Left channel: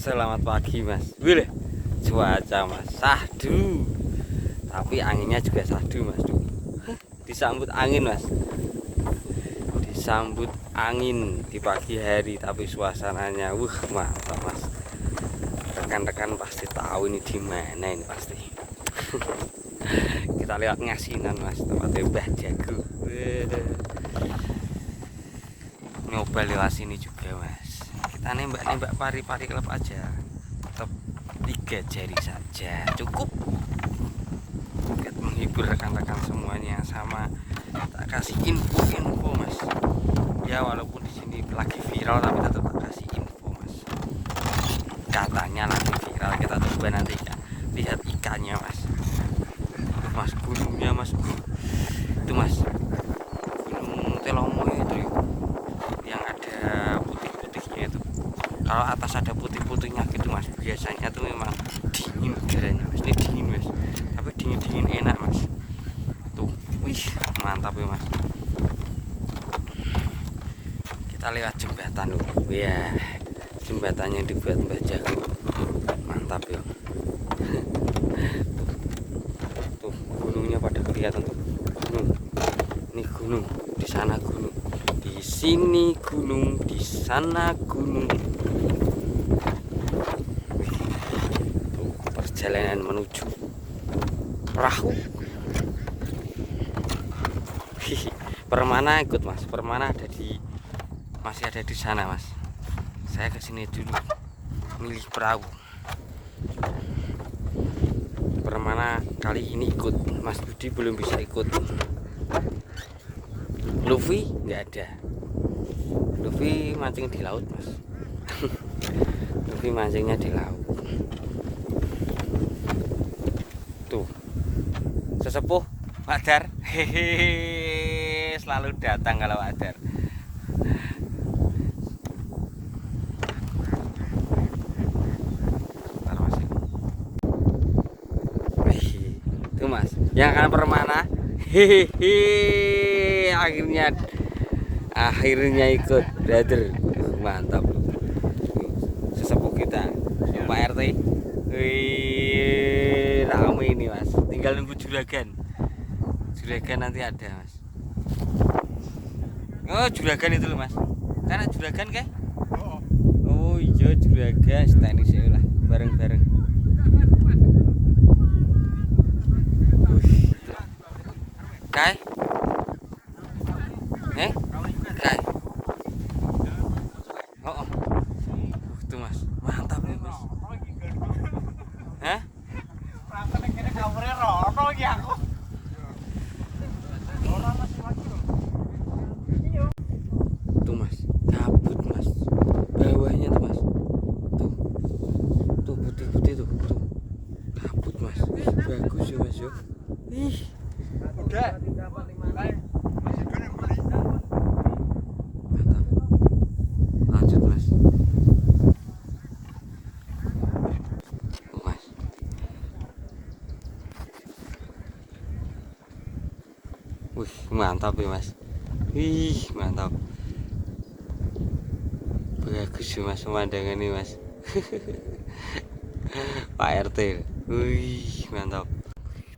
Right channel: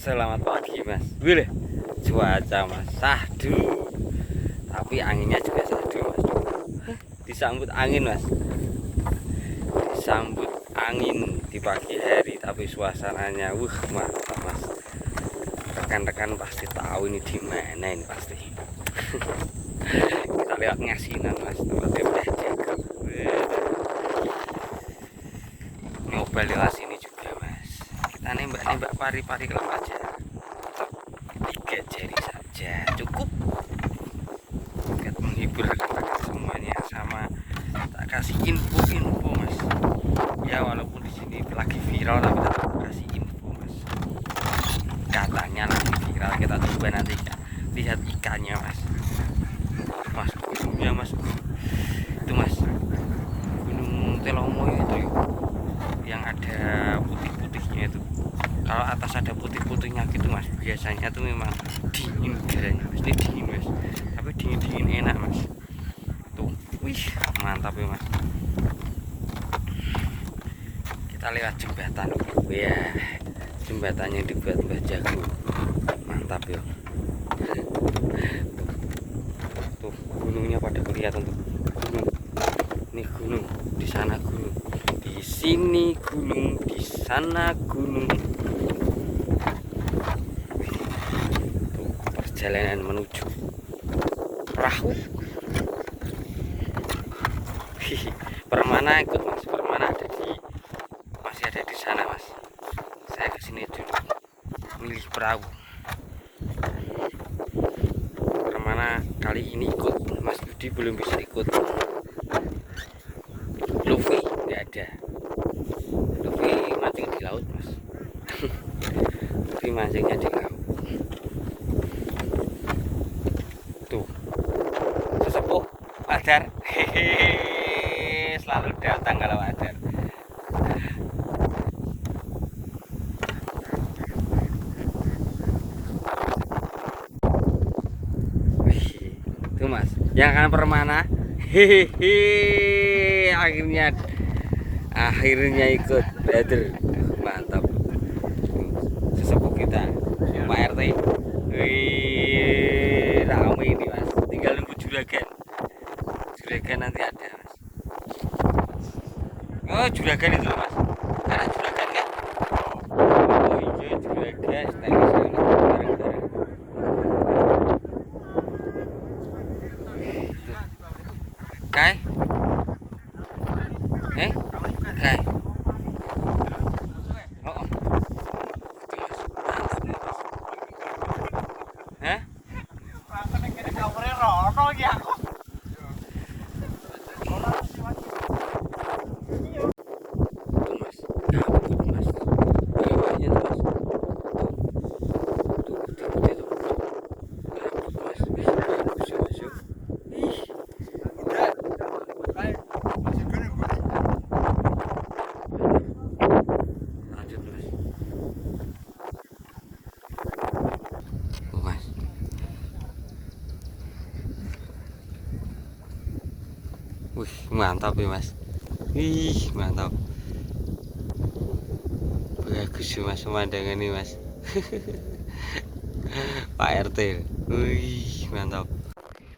Selamat pagi mas. Wih, cuaca mas sahdu, tapi anginnya juga sahdu mas. Disambut angin mas, disambut angin di pagi hari, tapi suasananya mantap mas. Rekan-rekan pasti tahu ini di mana ini pasti. Kita lewat Ngasinan mas, tempatnya udah jago. Nyoba lewat sini juga mas. Kita nembak pari-pari klub aja, tetap 3 jari saja cukup. Kita menghibur rekan-rekan semuanya, sama tak kasih info mas. Ya walaupun di sini lagi viral, tapi tetap kasih info mas. Katanya lagi viral, kita coba nanti lihat ikannya mas. Mas gunungnya mas, itu mas, Gunung Telomo itu yang ada putih-putihnya itu. Kalau atas ada putih-putihnya gitu mas, biasanya tuh memang dingin udaranya mas. Ini dingin mas, tapi dingin enak mas. Tuh, wih mantap ya mas. Kita lewat jembatan, ya jembatannya yang dibuat Mbah Jago, mantap ya. Tuh gunungnya pada kelihatan tuh, gunung. Ini gunung, di sana gunung, di sini gunung, di sana gunung. Tuh, perjalanan menuju perahu. Permana ikut mas, Permana masih ada di sana mas. Saya kesini dulu milih perahu. Permana kali ini ikut, Mas Budi belum bisa ikut. Luffy nggak ada. Luffy mancing di laut mas. Luffy mancingnya di laut. Tuh sesepuh Adar, hehehe, selalu datang kalau Adar. Tuh mas, yang akan Permana, hehehe, akhirnya ikut brother, mantap. Sesepuh kita Pak RT, wih ramai ini mas, tinggal nunggu juragan nanti ada mas. Oh juragan itu mas, karena juragan kan, oh iya juragan stylish bareng-bareng. Kai, Kai, oh, itu mas, mantap mas. Hah? Tuh mas, kabut mas, bawahnya tuh mas, tuh putih-putih tuh, kabut mas, bagus ya mas yuk. Lanjut mas. Mas. Wih mantap ya mas. Wih mantap. Bagus ya mas pemandangan ini mas. Pak RT. Wih mantap.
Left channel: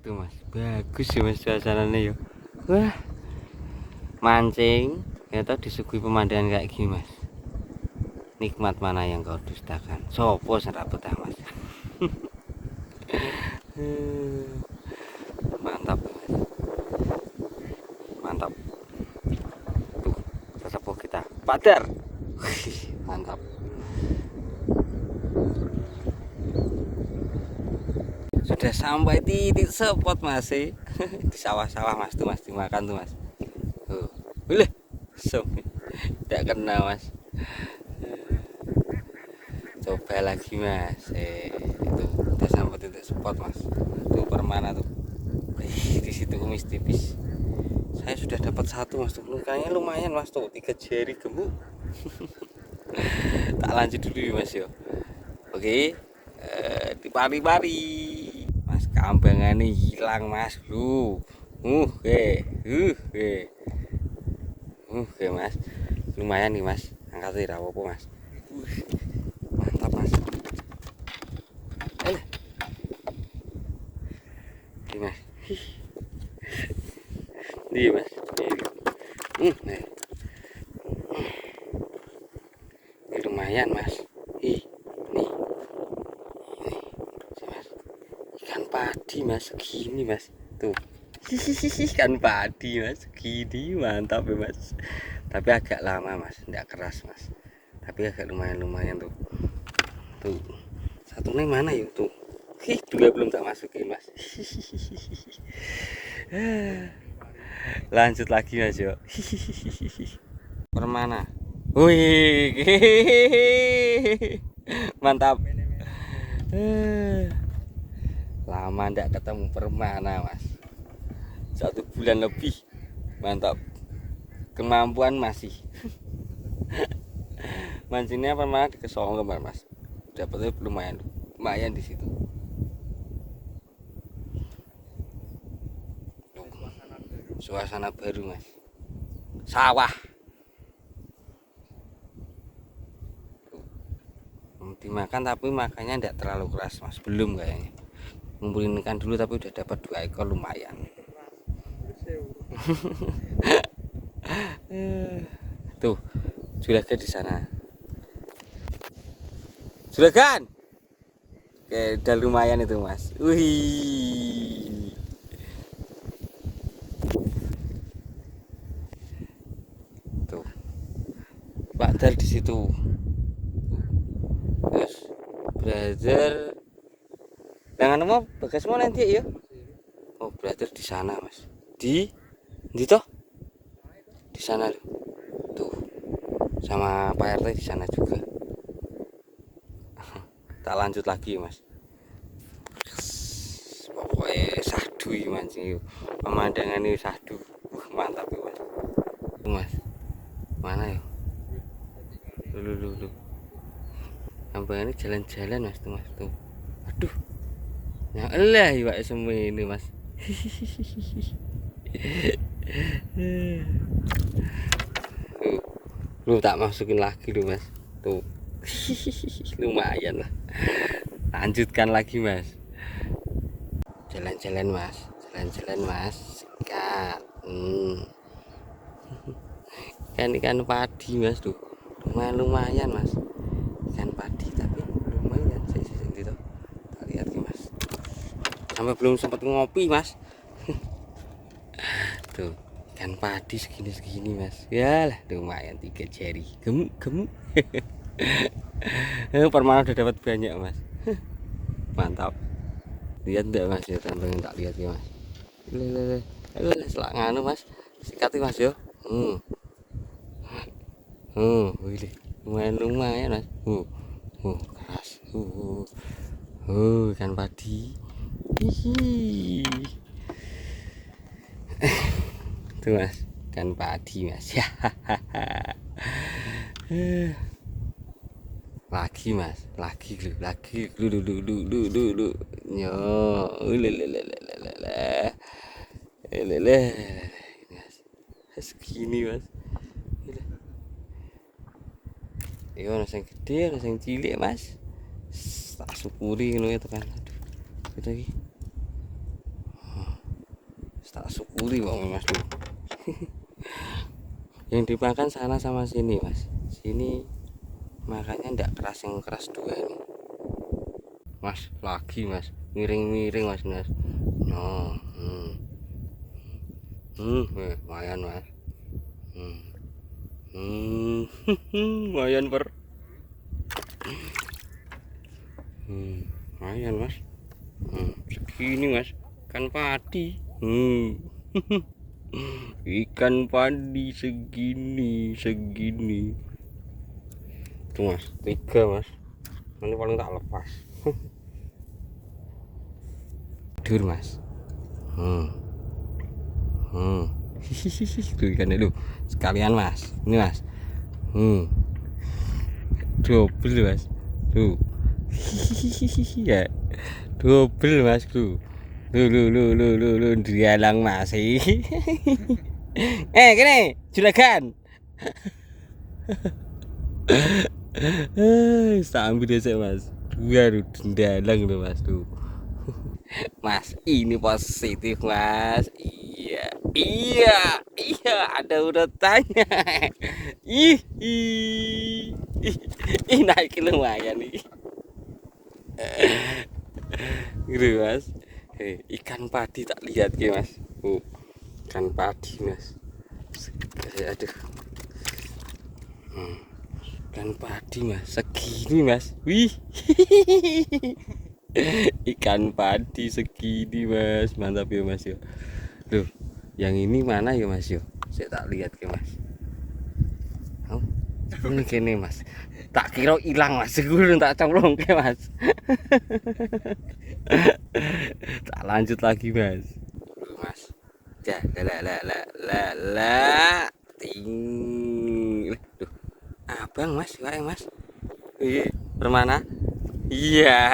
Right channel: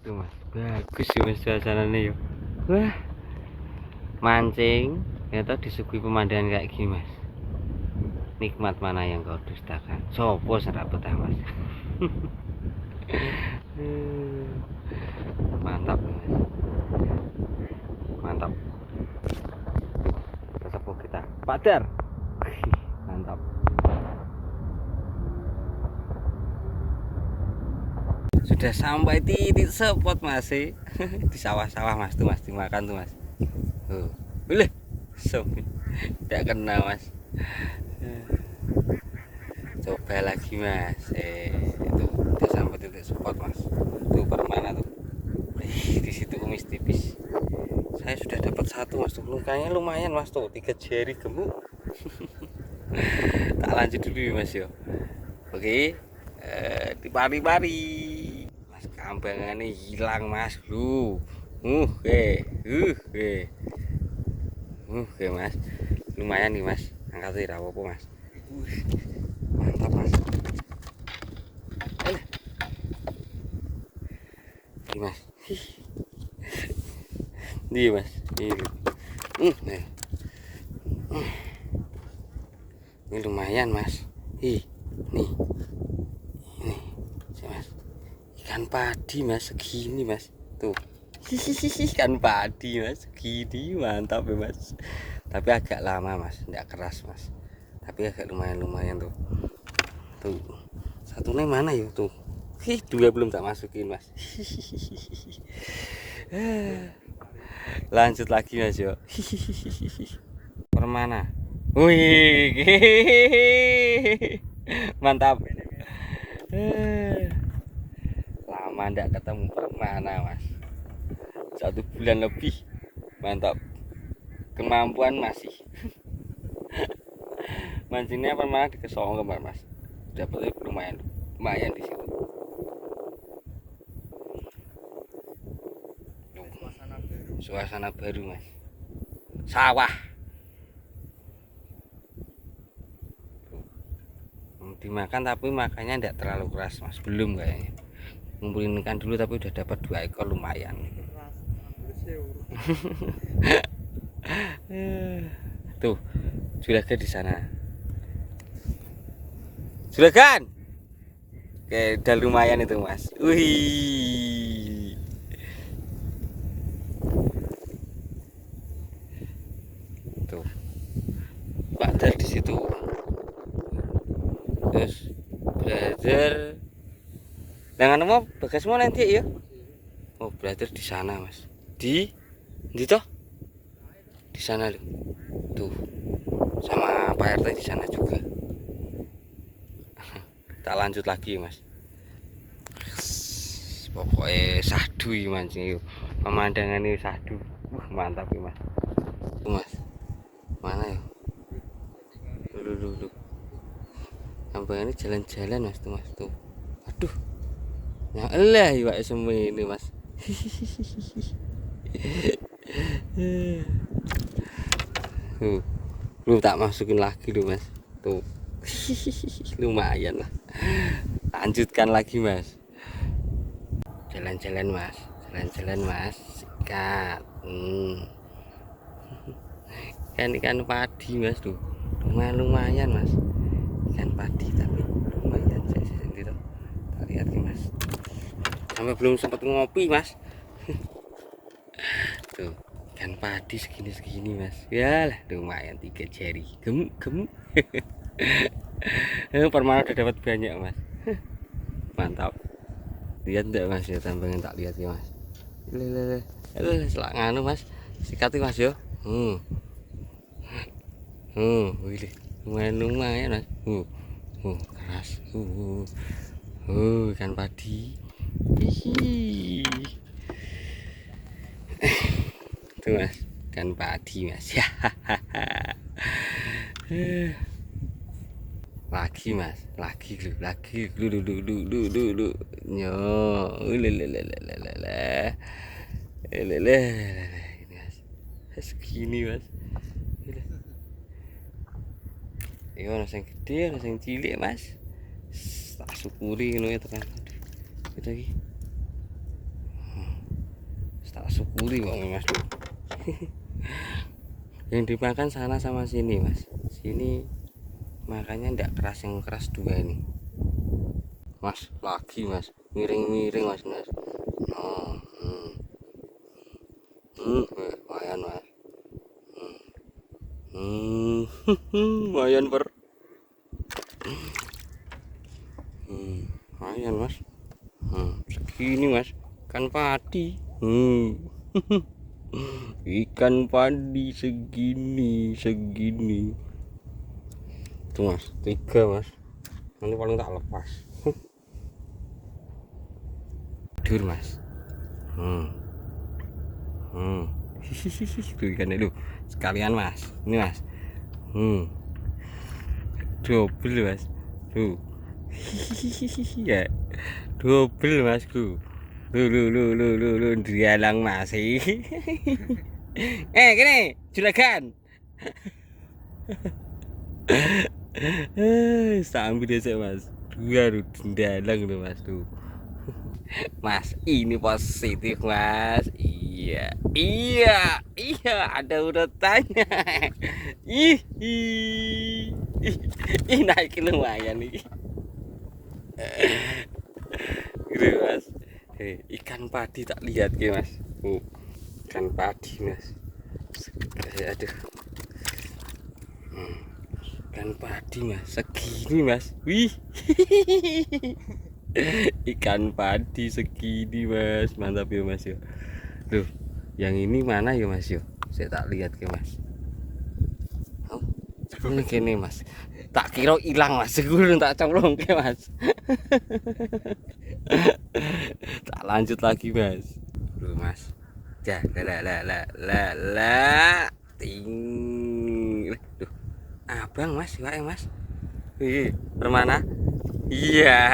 Itu mas. Bagus ya mas suasananya ya. Wah. Mancing ternyata disuguhi pemandangan kayak gini mas. Nikmat mana yang kau dustakan? Sopo serak betah mas. Mantap mas. Mantap. Tuh, sesepuh kita Padar. Mantap. Sudah sampai titik spot masih di sawah-sawah mas, tuh mas dimakan tuh mas. Boleh sob tidak kena mas. Coba lagi mas. Itu udah sampai titik spot mas. Itu Permana tuh. Di situ kumis tipis. Saya sudah dapat satu mas tuh. Lukanya lumayan mas tuh, 3 jari gemuk. Tak lanjut dulu ya mas yo. Oke, di pari-pari. Mas kambangannya hilang mas lu. Oke mas, lumayan nih mas, angkat tidak apa-apa mas. Mantap mas. Iya mas, ini lumayan mas. Ih, nih, ini sih mas, ikan padi mas, segini mas, tuh. Ikan padi mas, segini mantap ya mas. Tapi agak lama mas, tidak keras mas. Tapi agak lumayan tuh. Tuh, satunya mana ya tuh? Dua belum tak masukin mas. Lanjut lagi mas yo. Permana. Wih, mantap. Lama ndak ketemu permana mas. 1 bulan lebih. Mantap. Kemampuan masih. Mancinnya permana di Kesongo mas. Dapatnya lumayan di situ. Suasana baru mas. Sawah. Dimakan tapi makannya tidak terlalu keras mas, belum kayaknya. Ngumpulin ikan dulu tapi udah dapat 2 ekor lumayan. Tuh juragan di sana, juragan. Oke, udah lumayan itu mas. Wih, tuh Pak Dar di situ. Brother, dengan mau bagas mau nanti ya. Oh, brother di sana mas. Di toh di sana tuh, sama Pak RT di sana juga. Tak lanjut lagi mas. Pokoknya sahdu mancing yuk. Pemandangan ini sahdu. Mantap ya mas. Tuh mas, mana ya? Lu. Sampai ini jalan-jalan mas tuh mas tuh. Aduh, yang elah ya semua ini mas. Tuh, lu tak masukin lagi lu mas. Tuh, lumayan lah. Lanjutkan lagi mas. Jalan-jalan mas, sikat. Ikan padi mas tuh, lumayan mas. Ikan padi tapi lumayan sendiri tuh. Tak lihat ke mas. Sampai belum sempat ngopi mas. Tuh ikan padi segini mas. Yalah lumayan 3 jari. Gemuk. Permana udah dapat banyak mas. Mantap. Lihat enggak mas ya, tambangin tak lihat ya mas. Selak nganu mas. Sikat mas yo. Wih, lumayan mas. Keras. Ikan padi. Hihi. Tuh mas, ikan padi mas. Lagi mas, lagi lu. Nyo, lele. Ini mas, segini mas. Iya, ada yang gede, ada yang cilik mas. Tak syukuri ngono ya tekan. Aduh, lagi. Tak syukuri bang mas tuh. Yang dimakan sana sama sini mas. Sini makanya ndak keras, yang keras 2 ini. Mas, lagi mas, miring mas. Oh, lumayan mas. Lumayan lumayan mas. Segini mas, ikan padi. Ikan padi segini. Tuh mas, 3 mas. Ini paling tak lepas. Tidur mas. Tuh ikannya lu sekalian mas. Ini mas. Double mas. Tuh. Ya. Double mas tuh. Lu dialang masih. Gini, juragan. Sambil desa mas. 2 dalang tuh mas tuh. Mas, ini positif mas. Iya, iya, iya, ada urutannya. Ih, naik lumayan nih. Gitu mas. Ikan padi tak lihat ya mas. Ikan padi mas. Aduh. Ikan padi mas, segini mas. Wih. Ikan padi segini mas, mantap ya mas ya. Loh, yang ini mana ya mas ya? Saya tak lihat ke mas. Oh, ini gini mas. Tak kira hilang mas, segurun tak colong ke mas. Tak lanjut lagi mas. Loh mas. Ya, ting. Loh, abang mas, wae mas. Iya, permana? Iya.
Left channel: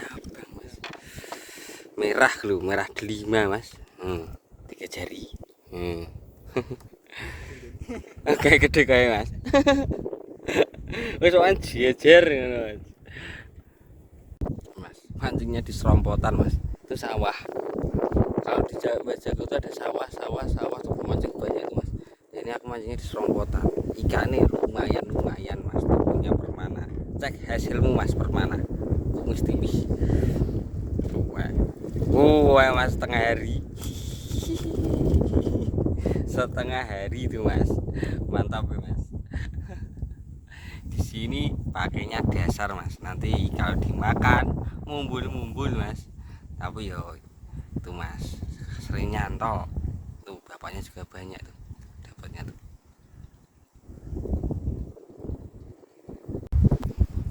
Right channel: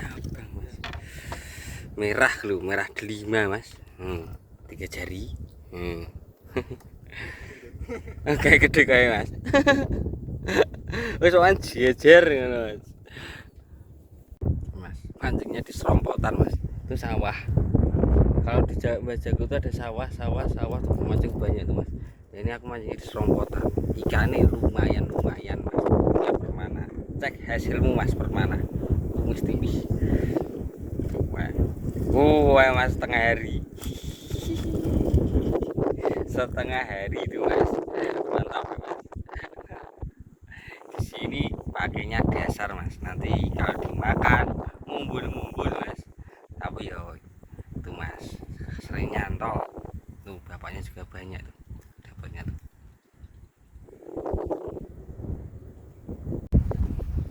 Abang mas. Merah loh, merah delima mas. 3 jari. Oke, gede kayak mas. Wis sowan jejer ngono mas. Mas, mancingnya di serompotan mas. Itu sawah. Kalau di Bajago itu ada sawah tuh mancing banyak tuh mas. Nah, ini aku mancingnya di serompotan. Ikannya lumayan mas. Punya permana. Cek hasilmu mas permana. Mesti wah mas, setengah hari itu mas, mantap ya mas. Di sini pakainya dasar mas, nanti kalau dimakan mumbul mas. Tapi yo itu mas sering nyantol tuh, bapaknya juga banyak tuh dapatnya tuh.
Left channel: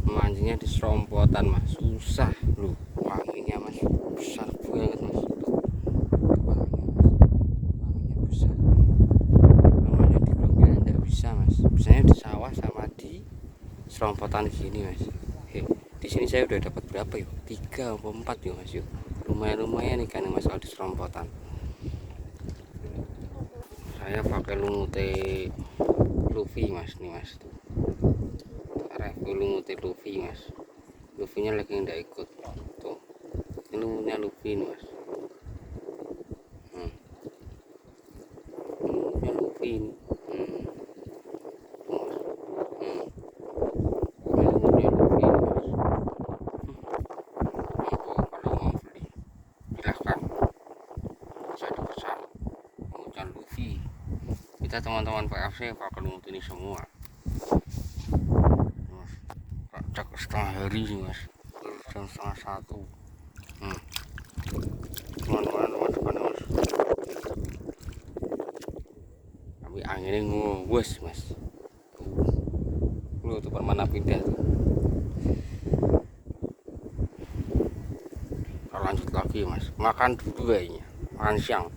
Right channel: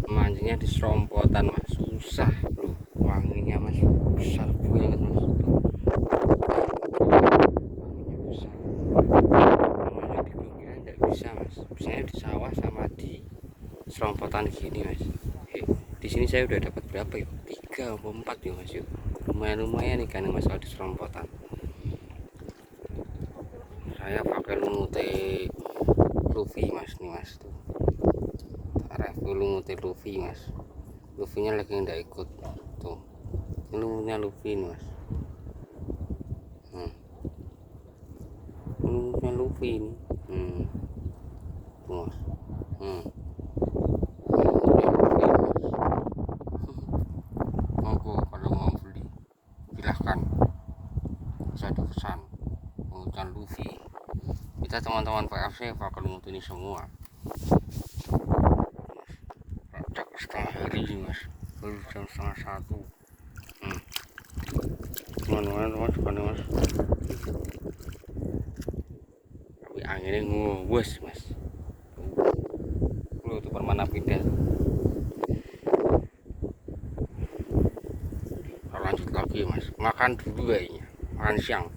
Mancingnya di serompotan mas, susah loh, wanginya mas besar banget mas tuh. Bisa mas, biasanya di sawah sama di serompotan gini mas. Di sini saya udah dapat berapa yuk? 3 atau 4 ya mas yuk. Lumayan ikan mas kalau di serompotan. Saya pakai lumute Luffy mas nih mas tuh. Lumute Luffy mas. Luffy-nya lagi nggak ikut tuh. Ini lumutnya Luffy nih mas. Lumutnya Luffy ini. Ikan Luffy, kita teman-teman PFC pakai lumut ini semua mas. Cak setengah hari sih mas, baru jam setengah 1. Teman-teman mas tapi anginnya ngewes mas. Lu tuh permana pindah. Kalau lanjut lagi mas, makan dulu kayaknya, makan siang.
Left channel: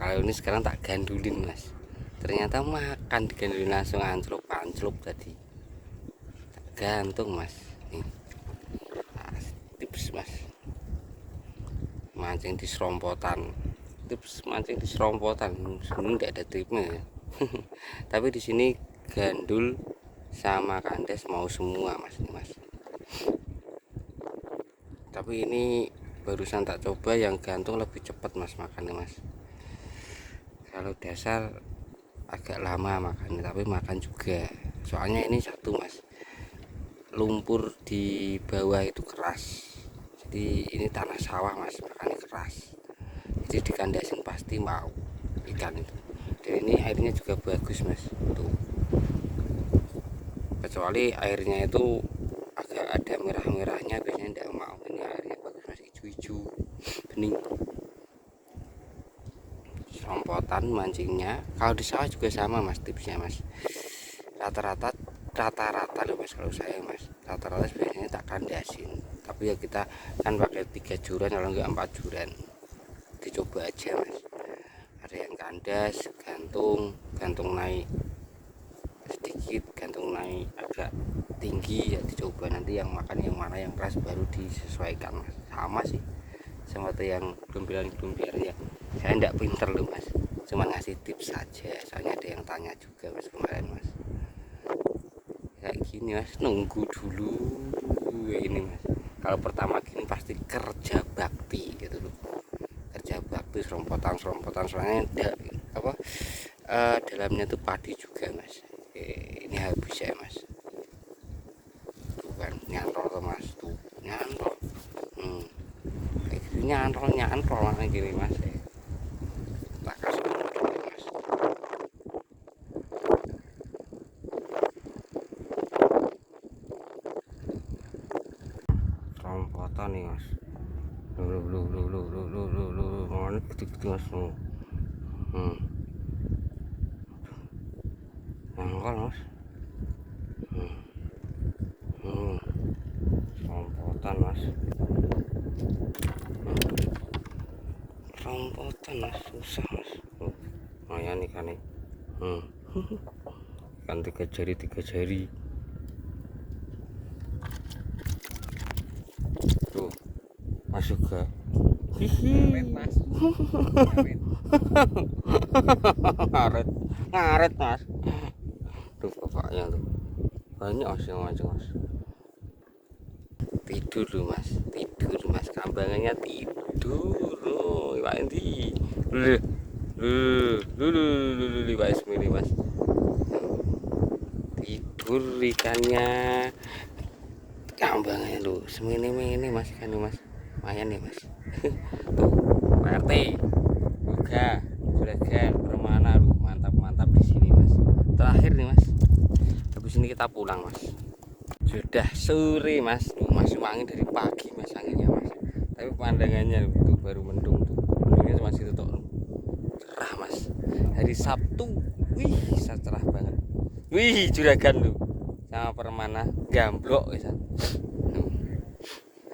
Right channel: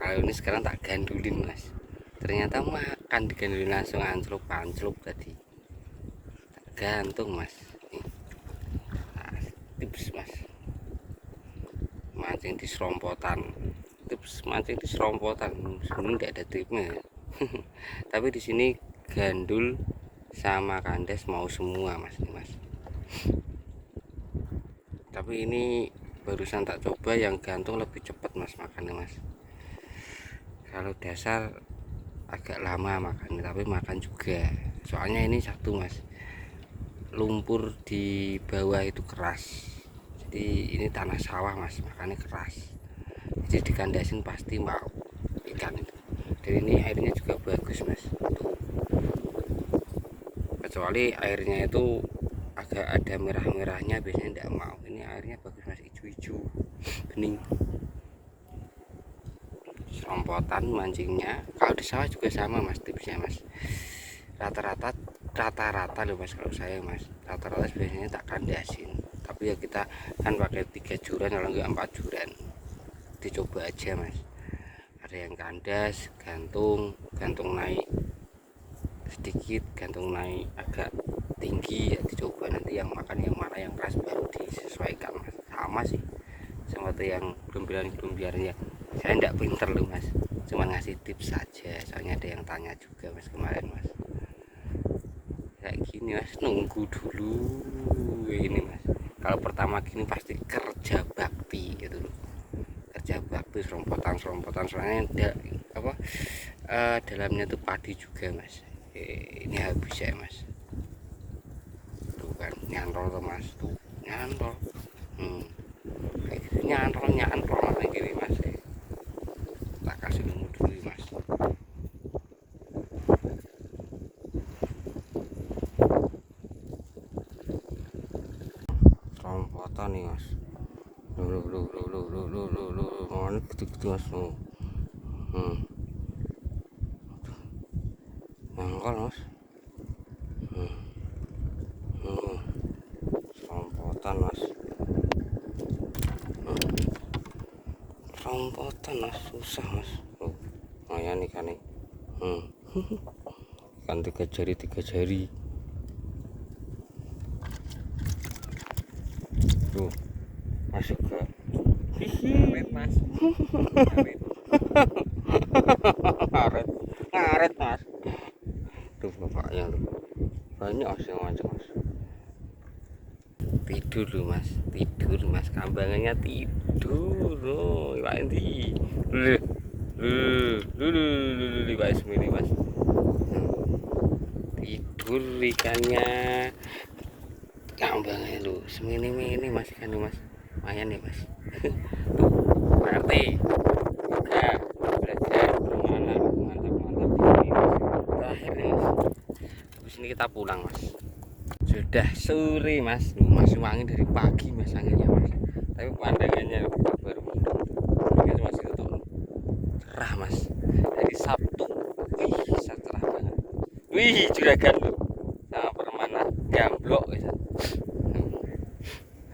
Kalau ini sekarang tak gandulin mas, ternyata makan digandulin langsung anclop tadi, tak gantung mas. Nah, tips mas mancing di serompotan, ini nggak ada tipnya. Tapi di sini gandul sama kandes mau semua mas nih mas. Tapi ini barusan tak coba yang gantung lebih cepat mas makannya mas. Kalau dasar agak lama makan, tapi makan juga. Soalnya ini satu mas, lumpur di bawah itu keras. Jadi ini tanah sawah mas, makannya keras. Jadi dikandasin pasti mau ikan itu. Dan ini airnya juga bagus mas. Tuh. Kecuali airnya itu agak ada merah-merahnya, biasanya tidak mau. Ini airnya bagus mas, hijau-hijau, bening. Serompotan mancingnya kalau di sawah juga sama mas, tipsnya mas. Rata-rata loh mas kalau saya mas, rata-rata biasanya tak kandasin. Tapi ya kita kan pakai 3 juran, kalau enggak 4 juran. Dicoba aja mas, ada yang kandas, gantung naik sedikit, gantung naik agak tinggi ya dicoba, nanti yang makan yang mana yang keras baru disesuaikan mas. Sama sih seperti yang belum biarnya. Saya enggak pinter loh mas, cuma ngasih tips saja, soalnya ada yang tanya juga mas kemarin mas. Kayak gini mas, nunggu dulu ini mas. Kalau pertama gini pasti kerja bakti gitu loh, kerja bakti serompotan soalnya ada dalamnya tuh padi juga mas. Ini habis ya mas, tuh kan nyantol tuh mas, tuh nyantol. Kayak gitu nyantol mas gini mas. Tak kasih dulu mas. Serompotan nih mas. Mana gitu mas. Nangkal mas. Serompotan mas. Serompotan mas, susah mas. Lumayan ikan nih. Ikan tiga jari. Tuh masuk ke mas. ngaret mas. Tuh bapaknya tuh banyak sih macam mas. Tidur mas, kambangannya tidur. Oh Pak Endi Pak Ismi mas, tidur ikannya, kambangnya lu semini mas ikan mas, lumayan nih mas. Tuh Pak RT juga belajar permana, mantap di sini mas. Terakhir nih mas, habis ini kita pulang mas. Sudah sore mas, masih wangi dari pagi mas anginnya mas, tapi pandangannya baru mendung tuh, ini masih tetap cerah mas. Dari Sabtu, wih cerah banget. Wih juragan loh sama permana gamblok bisa.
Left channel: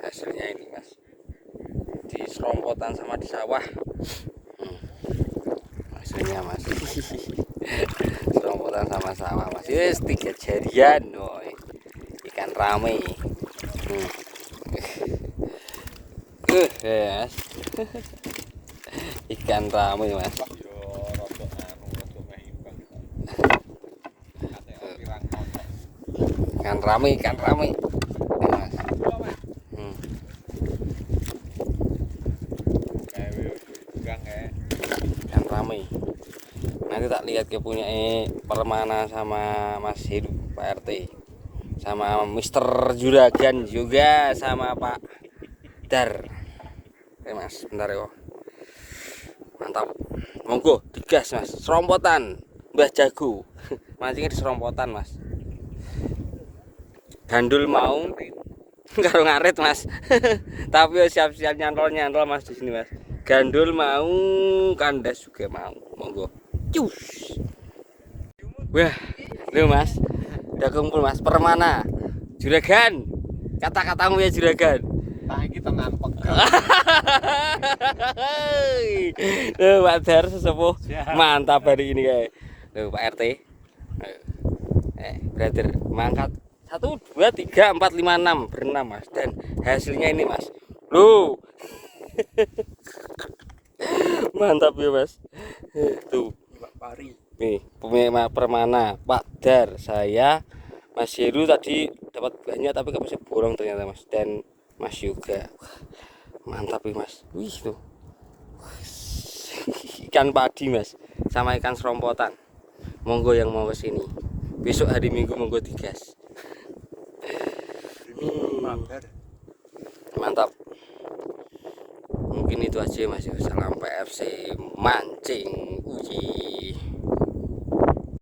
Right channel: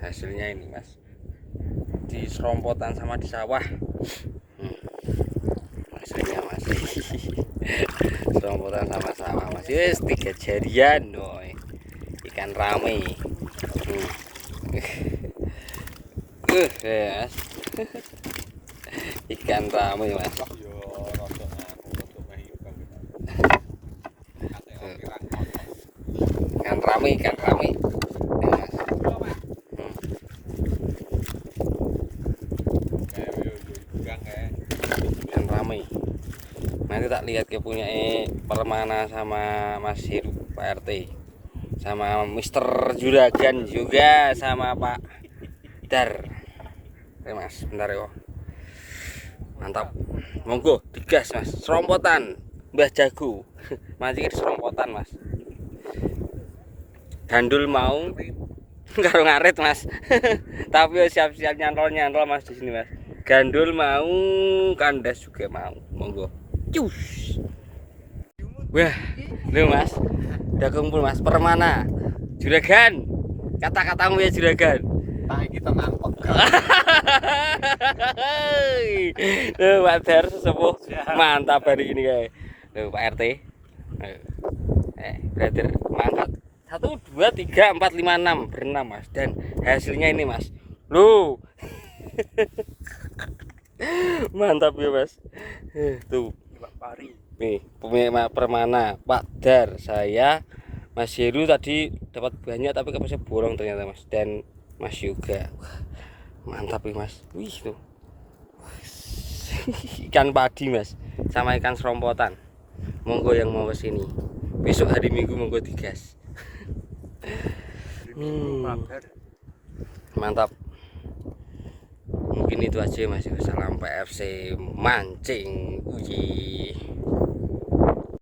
Hasilnya ini mas, di serompotan sama di sawah. Hasilnya mas, serompotan sama sawah mas. Yes 3 jarian doi. Ikan rame. Yes. Ikan rame mas. Ikan rame. Ya, mas. Ikan rame. Nanti tak lihat ke punya permana sama Mas Heru Pak RT, sama Mister Juragan juga, sama Pak Dar. Oke mas, bentar ya. Mantap, monggo digas mas. Serompotan Mbah Jago mancingnya di serompotan mas. Gandul mau karo ngarit mas. Tapi siap-siap nyantol mas di sini mas. Gandul mau, kandas juga mau, monggo. Cus. Wah, lu mas, udah kumpul mas. Permana, juragan, kata-katamu ya juragan. Nah kita nampek. Tuh Pak Dar sesepuh mantap hari ini ya. Tuh Pak RT. Brother mangkat 1, 2, 3, 4, 5, 6 berenam mas, dan hasilnya ini mas. Lu mantap ya mas. Tuh nih pemain permana Pak Dar, saya Mas Heru tadi dapat banyak tapi kapasnya borong ternyata mas, dan Mas juga. Mantap ya mas. Wih tuh ikan padi mas sama ikan serompotan. Monggo yang mau kesini besok hari Minggu, monggo digas. Mantap. Mungkin itu aja mas. Salam PFC mancing. Uji.